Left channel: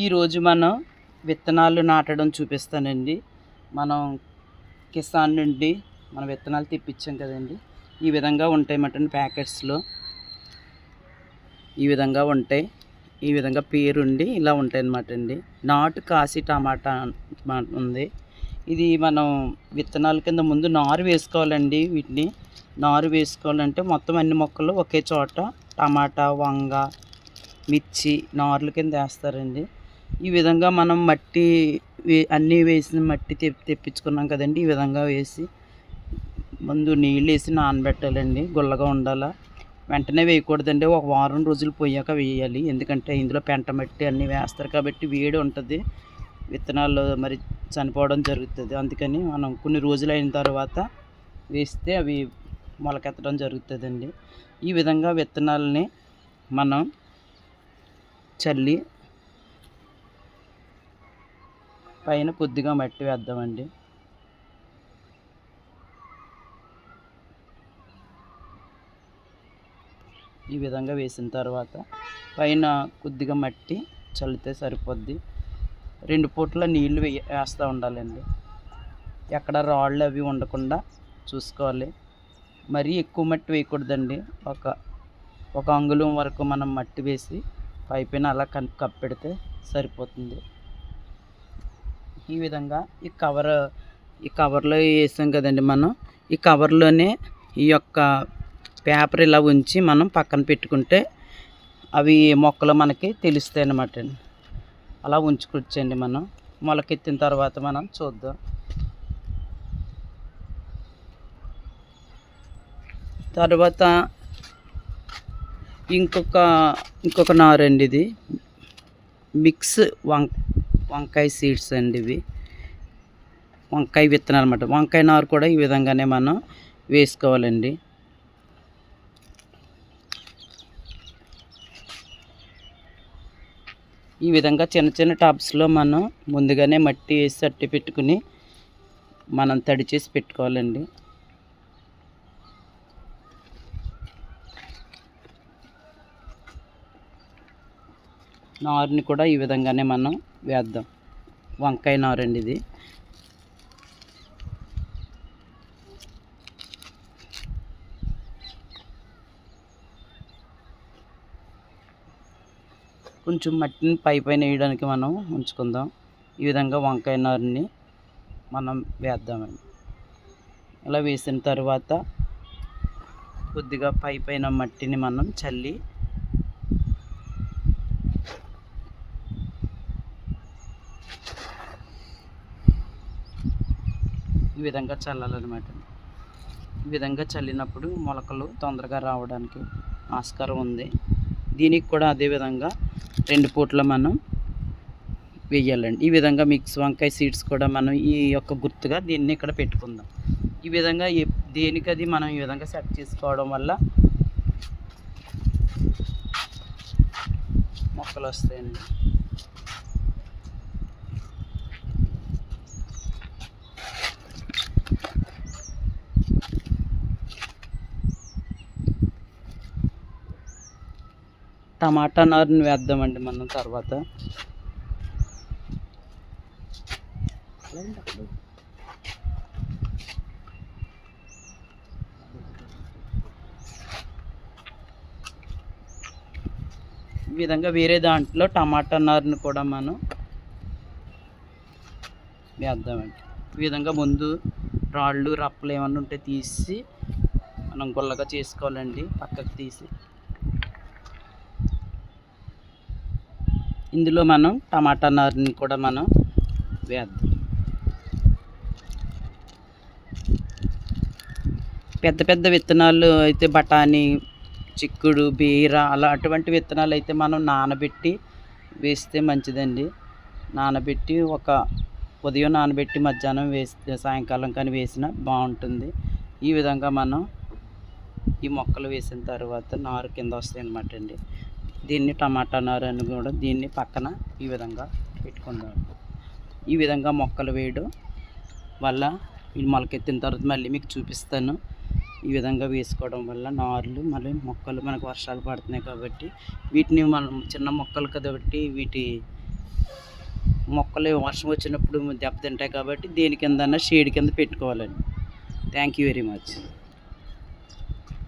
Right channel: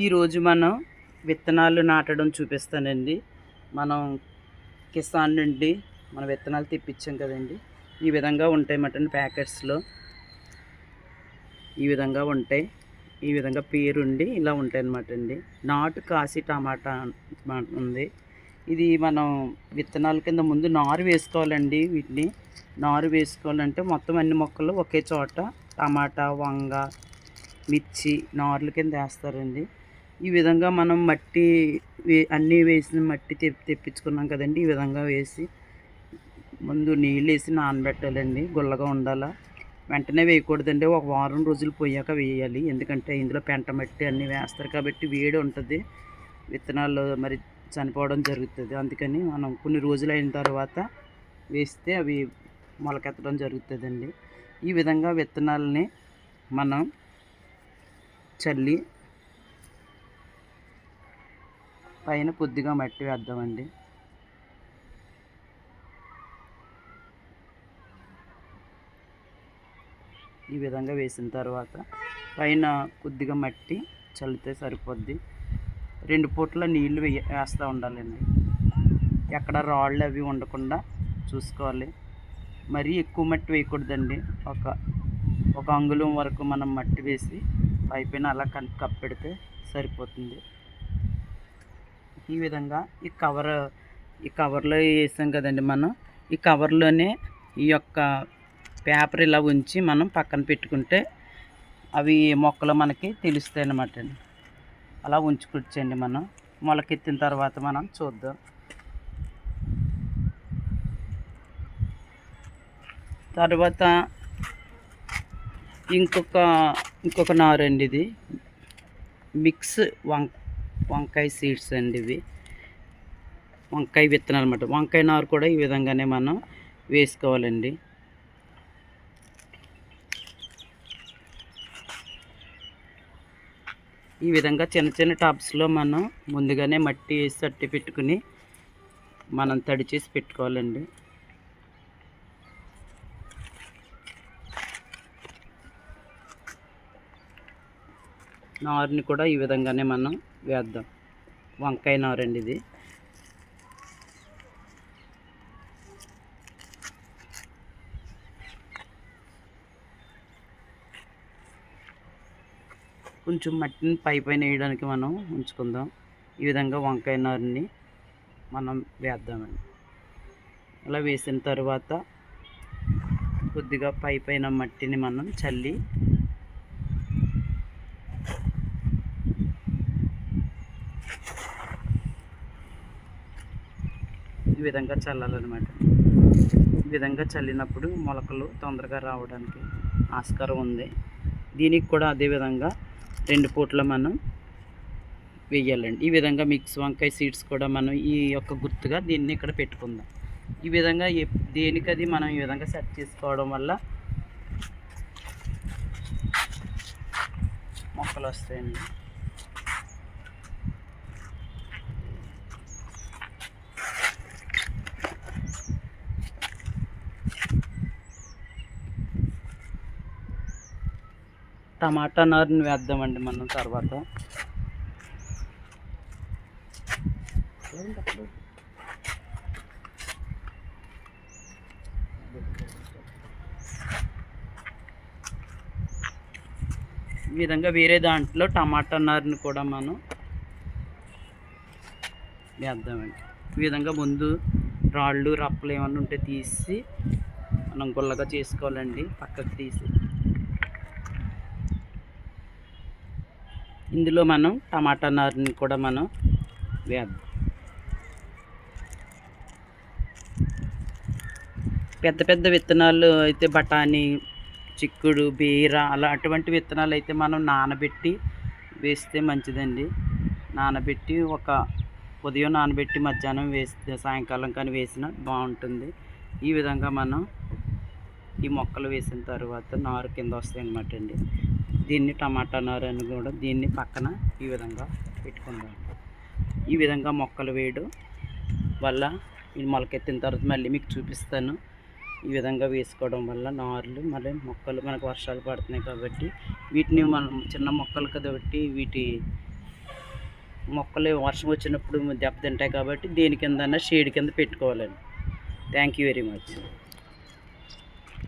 ఈరోజు మనం విత్తనాలు నాటడం చూపిస్తానండి. మనం కిసాన్ నుండి మన విత్తనాలు తెప్పించాం కదండి. ఈ విధంగా ఉంటాయి మటన్ ప్యాకెట్స్లో. ఈ విధంగా ఉంటాయి. ఈ విధంగా పేరుండి ఇలా ఉంటాయి అన్నమాట అండి. నాటు కాశీ టమాటా ఉంది. ఇది మనం విత్తనాల కింద ముందు నారు వేసుకోవాలండి. వీటిని నారు వేసుకోవాలంటే మొత్తం అన్ని మొక్కలు ఒకే చోట టమాటా, వంగ, మిర్చి నార్ల కింద వేస్తారండి. ఈ విధంగా మనం మట్టి అన్నీ వేసిన మట్టి తెప్పించుకున్నాం కదండి. ఈ విధంగా వేసి ముందు నీళ్ళు వేసి నానబెట్టాలండి. గుల్లగా ఉండాలా. వెంటనే వేయకూడదండి. ఒక వారం రోజులు పోయాక వేయాలి. ఎందుకంటే ఇందులో పెంట మట్టి అన్నీ వేస్తారు కాబట్టి వేడి ఉంటుంది, విత్తనాలు మరి చనిపోవడం జరుగుతుంది. అందుకని మనం కొన్ని రోజులు అయిన తర్వాత వేస్తే అవి మొలకెత్తడం జరుగుతుందండి. ఈ విధంగా విత్తనాలని మనం చల్లి పైన కొద్దిగా మట్టి వేద్దామండి. ఈ విధంగా వేసిన తర్వాత పైన కొద్దిగా మట్టి చల్లితే సరిపోద్ది. 2 పూట్ల నీళ్లు వేస్తూ ఉండాలండి. ఎక్కడ రాళ్ళు అవి ఉండకుండా చూసుకోవాలి. మరీ ఎక్కువ మట్టి వేయకూడదండి. ఒక అంగుళం వరకు మనం మట్టి వేసి పైపైన అలా కప్పెడితే సరిపోతుంది. ఈ విధంగా ఈ కవర్లో వేసాం కదండి. మనం ఈ కవర్లోనే ఈ యొక్క పేపర్ ఇలా ఉంచి మనం పక్కన పెట్టుకుంటే అవి మొక్కలు మనకి తెలుస్తాయి అన్నమాట అండి. అలా ఉంచుకొచ్చండి. మనం మొలకెత్తిన తర్వాత మనం చూద్దాం. తర్వాత ఇంకొక నారు అండి. ఇది మిక్స్ వంకాయ సీడ్స్ అండి. ఇవి వంకాయ విత్తనాలు అన్నమాట. వంకాయ నారు కూడా ఈ విధంగానే మనం వేసుకోవాలండి. ఈ విధంగా చిన్న చిన్న టబ్స్లో మనం ముందుగానే మట్టి వేసి తట్టి పెట్టుకుని మనం తడి చేసి పెట్టుకోవాలండి. నారుని కూడా ఈ విధంగానే మనం వేద్దాం. వంకాయ నారు అండి ఇది. కొంచెం మట్టిని పైన వేయడానికి మనం ఉంచుకుందాం. ఈ విధంగా వంకాయ నారుని మనం వేద్దామండి. అలా వేసిన తర్వాత కొద్దిగా పైన మట్టిని మనం చల్లి ఈ విధంగా చల్లాలన్నమాట. ఈ విధంగా చల్లినప్పుడు మొలకలు తొందరగా రావడానికి ఆస్కారం ఉంది. దీనికి కూడా అదేవిధంగా 2 పూట్ల మనం వేయాలండి. ఈ విధంగా మిక్స్ వంకాయ సీడ్స్ కూడా మనం ఈ యొక్క గుర్తుగా దీన్ని ఇక్కడ పెట్టుకుందాం. ఈ విధంగా దేనికది మనం ఈ విధంగా సెట్ చేసుకోవడం వల్ల మొక్కలు వస్తాయండి. టమాటా నారుని వేద్దామండి మనం తర్వాత. ఈ విధంగా వేరే దాంట్లో టమాటా నారుని కూడా మనం వేద్దామండి. ఈ విధంగా ముందు రాళ్ళు రప్పలు ఏమన్నా ఉంటే తీసి మనం గుల్లగా చేసుకోవాలండి. పక్కకు తీసి ఇందులో మనం టమాటా నారుని కూడా మనం వేద్దాం. పెద్ద విత్తనాలు అయితే బఠానీ, చిక్కుడు, బీర అలా అటువంటి విత్తనాలు అయితే మనం నానబెట్టి వేస్తే మంచిదండి. నానబెట్టి ఉదయం నానబెట్టి మధ్యాహ్నం వేస్తే సాయంకాలం కానీ వేసినా బాగుంటుంది. ఈ విధంగా మనం ఈ మొక్కలు వేసిన తర్వాత నారు కింద వస్తాయి అన్నమాట అండి. దీన్ని టమాటా నారు అని కూడా దీన్ని పక్కన ఈ విధంగా పెట్టుకుందాం. ఈ విధంగా మొక్కలు వేయడం వల్ల ఇది మొలకెత్తిన తర్వాత మళ్ళీ మీకు చూపిస్తాను. ఈ విధంగా వేసుకోవడం వల్ల నార్లు మళ్ళీ మొక్కలు మనకు వర్షాలు పడుతున్నాయి కాబట్టి వీటిని మనం చిన్న మొక్కలు కాబట్టి వీటి మొక్కలు వర్షం వచ్చినప్పుడు దెబ్బతింటాయి కాబట్టి దేని కిందన్నా షేడ్ కింద పెట్టుకోవాలండి. Thank you very much.